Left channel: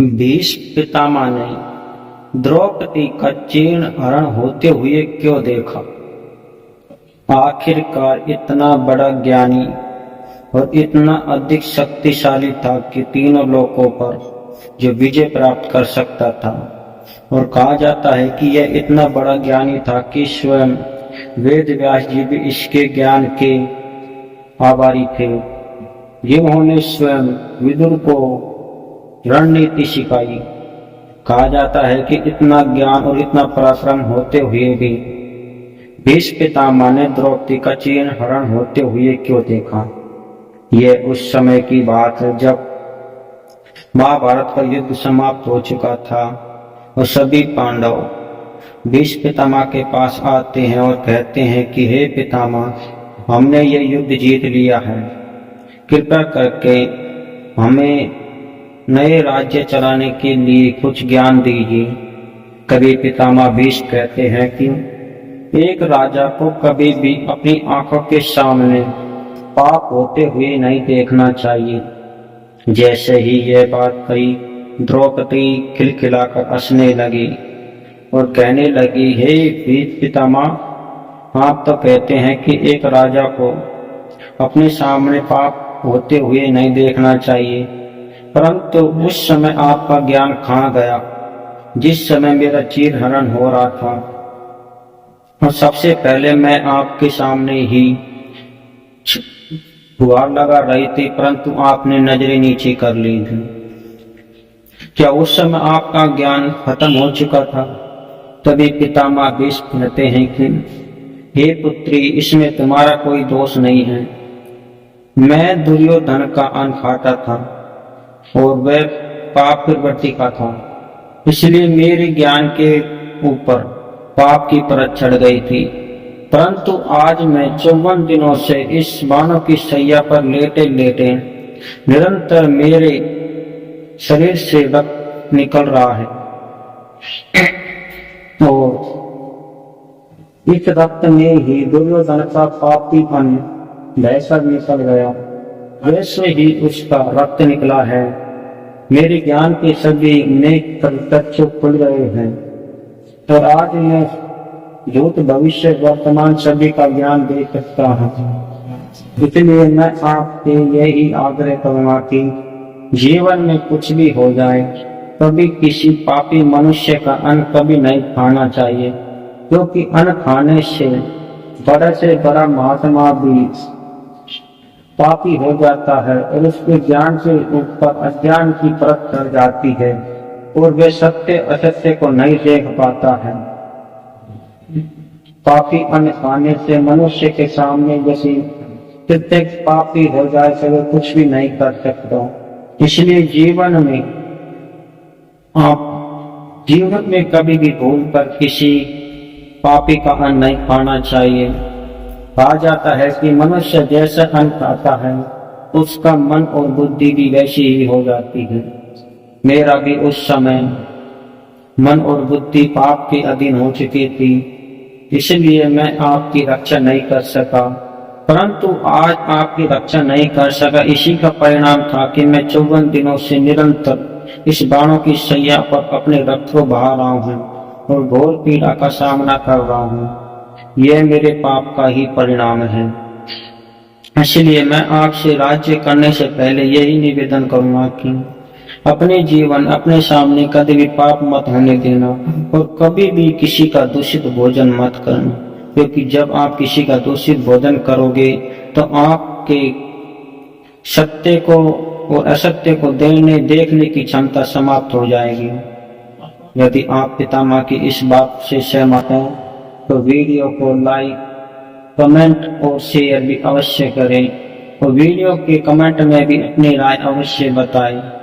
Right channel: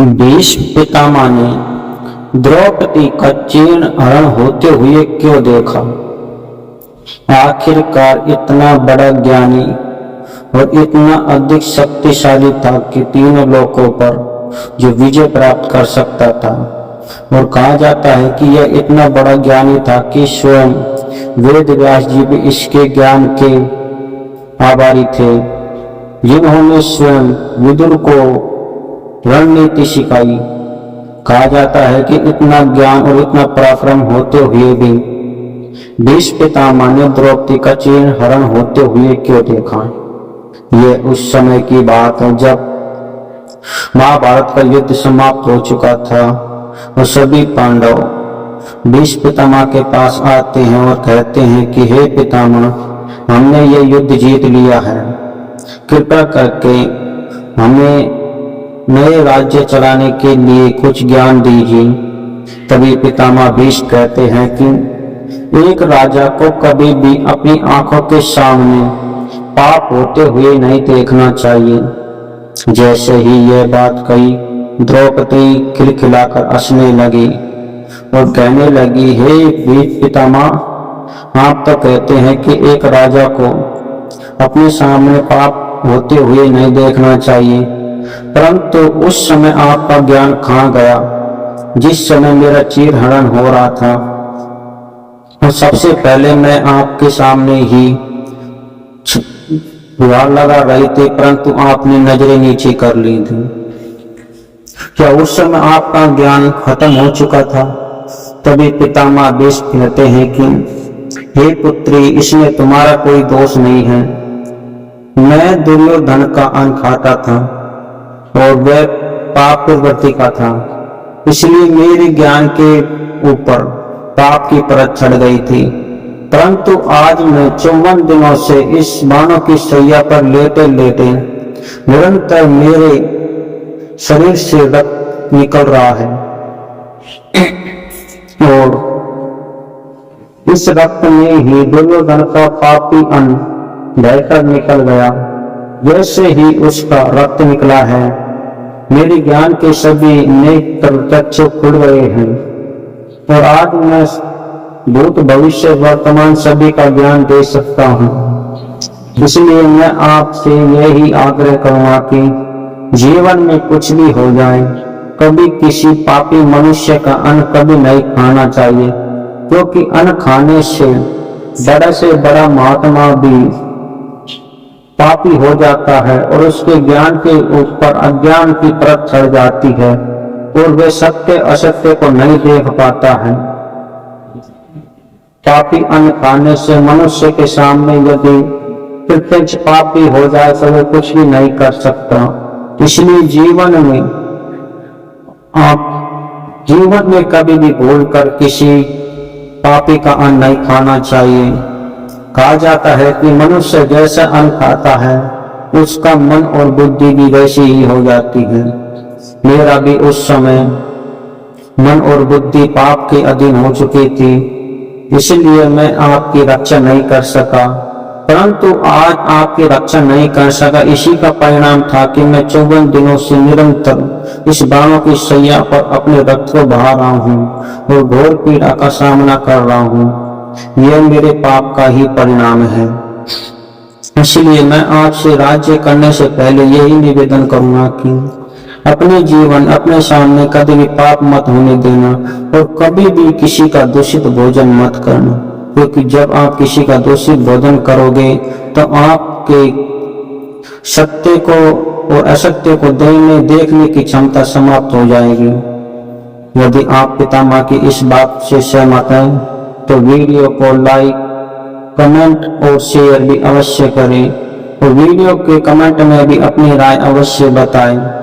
भीष्म पितामह ने द्रौपदी का चीर्ण हरण होते हुए क्यों देखा? आखिरकार इतना बड़ा ज्ञानी और इतना अधिक शक्तिशाली था कि तीनों लोकों पर जो विजय प्राप्त कर सकता था। और कहा जाता है कि यह इतना बड़ा ज्ञानी था कि स्वयं वेद व्यास जी भी इसके ज्ञान के आभारी थे, जिन्होंने स्वयं विदुर को रणनीति सिखाई। कहा जाता है कि इतना ज्ञान और इतना पराक्रम होते हुए भी भीष्म पितामह ने द्रौपदी का चीर्ण हरण होते हुए क्यों देखा? यह उस समय की बात है जब महाभारत का युद्ध समाप्त हो चुका था और सभी पांडव भीष्म पितामह के पास आते हैं और कहते हैं कि हे पितामह, हमने ये युद्ध जीत लिया है, कृपया करके हमें नए राज्य चलाने के लिए कुछ ज्ञान दीजिए। तभी पितामह भीष्म कहते हैं कि एक राजा को कभी भी अपनी आंखों के सामने पाप होते हुए नहीं देखना चाहिए। जैसे ही यह बात कही, द्रौपदी खिलखिलाकर हंसने लगी और कहने लगी, हे भीष्म पितामह, आप तो कहते हैं कि एक राजा को अपने सामने पाप होते हुए नहीं देखना चाहिए, परंतु उस समय आपका ज्ञान कहाँ गया जिस समय मेरा चीर हरण हो रहा था। और सबसे पहले मैं आपके सामने ही गुहार लगा रही थी, परंतु आपने नजरें नीचे कर ली थी। क्या उस समय आपका ज्ञान खत्म हो चुका था? तभी पितामह भीष्म कहते हैं कि हे पुत्री, इसमें तुम्हारा कोई दोष नहीं है। मैं दुर्योधन का अन्न खाता था और वह पाप प्रवृत्ति का था, इसलिए मेरे ज्ञान के ऊपर पाप की परत चढ़ गई थी। परंतु आज मैं 54 दिनों से इस बाणों की सैया पर लेटे लेटे निरंतर मेरे शरीर से रक्त निकल रहा है और इस रक्त में ही दुर्योधन का पापी अन्न बहकर निकल गया, वैसे ही उसका रक्त निकला है। मेरे ज्ञान के सभी नेत्र चक्षु खुल गए हैं और आज मैं भूत भविष्य वर्तमान सभी का ज्ञान दे सकता हूँ। इसलिए मैं आपसे यही आग्रह करूंगा कि जीवन में कुछ भी हो जाए, कभी किसी पापी मनुष्य का अन्न कभी नहीं खाना चाहिए, क्योंकि अन्न खाने से बड़ा से बड़ा महात्मा भी पापी हो जाता है और उसके ज्ञान के ऊपर अज्ञान की परत चढ़ जाती है और वे सत्य असत्य को नहीं देख पाता है। पापी अन्न खाने से मनुष्य के सामने यदि प्रत्यक्ष पापी हो जाए तो वह कुछ भी नहीं कर सकता। इसलिए जीवन में कभी भी भूलकर किसी पापी का अन्न नहीं खाना चाहिए। कहा जाता है कि मनुष्य जैसा अन्न खाता है उसका मन और बुद्धि भी वैसी ही हो जाती है। मेरा भी उस समय मन और बुद्धि पाप के अधीन हो चुकी थी, इसलिए मैं आपकी रक्षा नहीं कर सका। परंतु आज आपकी रक्षा नहीं कर सका, इसी का परिणाम था कि मैं 54 दिनों से निरंतर इस बाणों की सैया पर अपने रक्त को बहा रहा हूँ और घोर पीड़ा का सामना कर रहा हूँ। यह मेरे पाप का ही परिणाम है। इसलिए मैं आपसे राज्य करने से पहले यही निवेदन करूंगा कि अपने जीवन अपने सामने कभी भी पाप मत होने देना और कभी भी किसी का दूषित भोजन मत करना, क्योंकि जब आप किसी का दूषित भोजन करोगे तो आपके सत्य को और असत्य को देखने की क्षमता समाप्त हो जाएगी। यदि आप पितामह की इस बात से सहमत हैं तो वीडियो को लाइक, कमेंट और शेयर भी अवश्य करें और वीडियो के कमेंट में भी अपनी राय अवश्य बताएं।